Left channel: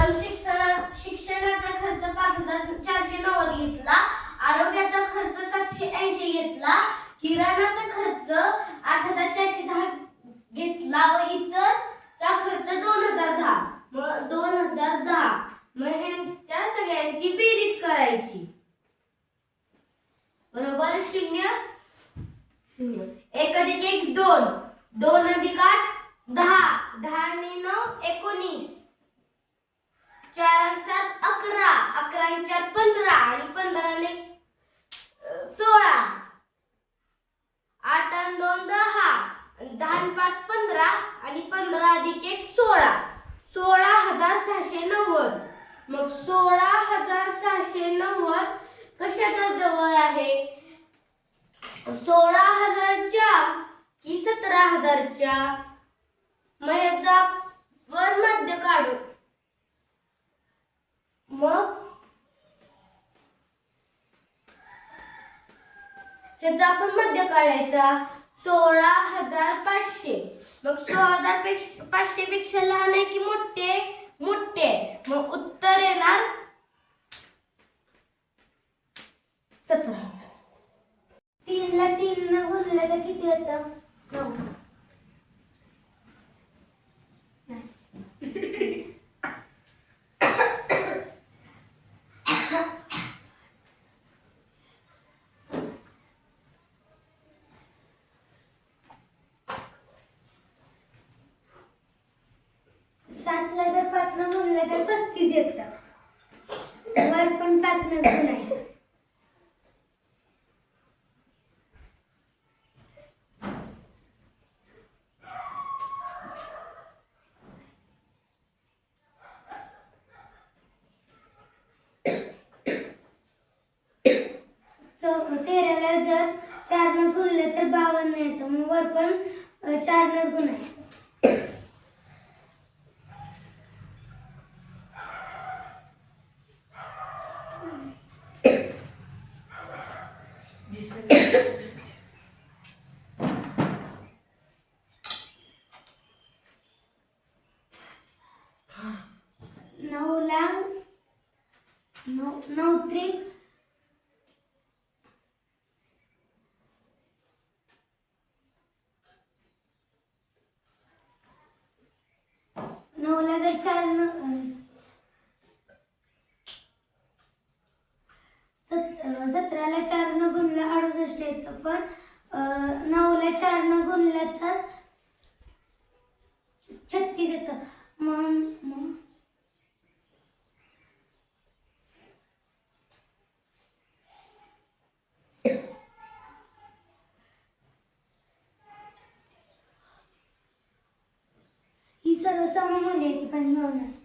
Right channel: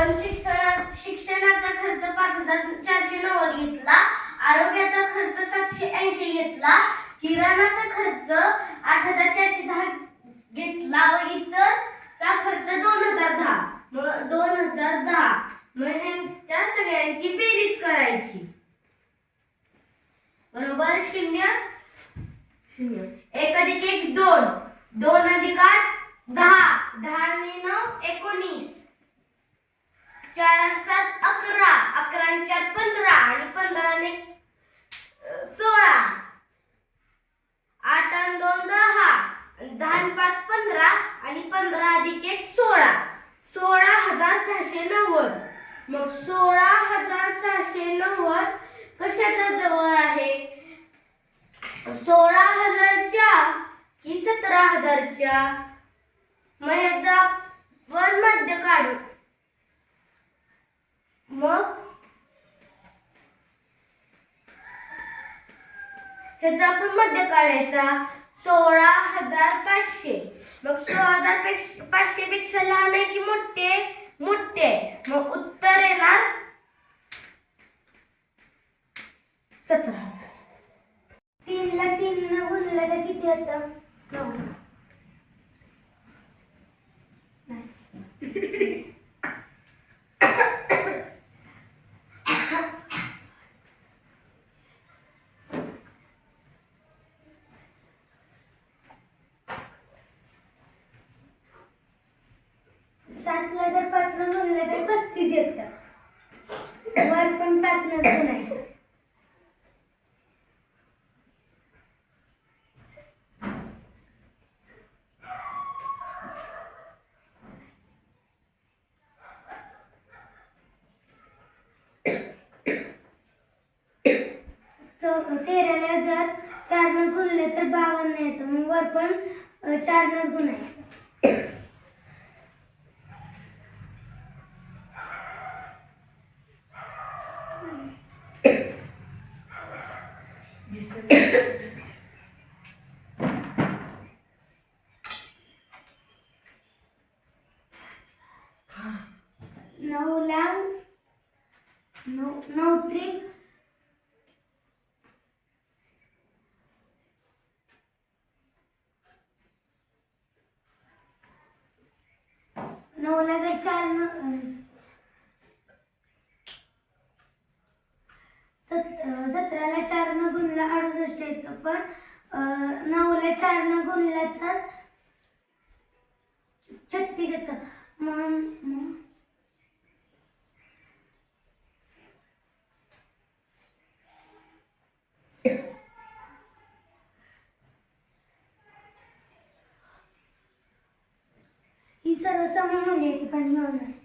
आपण शिक्षणाचा खर्च 5,490 घेतला, आरोग्याचा खर्च 780 घेतला, किराणाचा खर्च 8,410 घेतला व इतरचा खर्च 2,010. मग 2,010 मग ह्यांच्या सगळ्यांची बेरीज करायची. बरोबर 0 0 1 अधिक 1 2 2 अधिक 8 10 10 ने 9 19 4 7 11 11 ने 4 15 आणि 15 ने 16 8 आणि 2 10 10 आणि 5 15 आणि 15 अधिक 1 16 16,690. मग 16,690 कशाचा जवळ आहे? 16,000च्या की 17,000च्या? मग ह्याचा वर मध्य काढू. मग ह्याचा आपण मध्य काढायचा 16,500. मग 16,500 पेक्षा लहान आहे की मोठे? मोठे. मग उत्तर येणार 17,000. 3 ला 3 ने गुणलं तर किती येतं? 9. सातला जर 5 ने गुणलं तर 35 येतं. वर पण 5 ने गुणायचं. तेराला जर 4 ने गुणलं तर 52 येतं. मग वर पण 4 ने गुणायचं. नऊला 9 त्रिक 9ला जर 4 ने 17ला 4 ने गुणलं 68 येतं. पण 9ला 4 ने गुणलं तर 36 येतं. मग ही सर्व समान होण्याची पण होणार.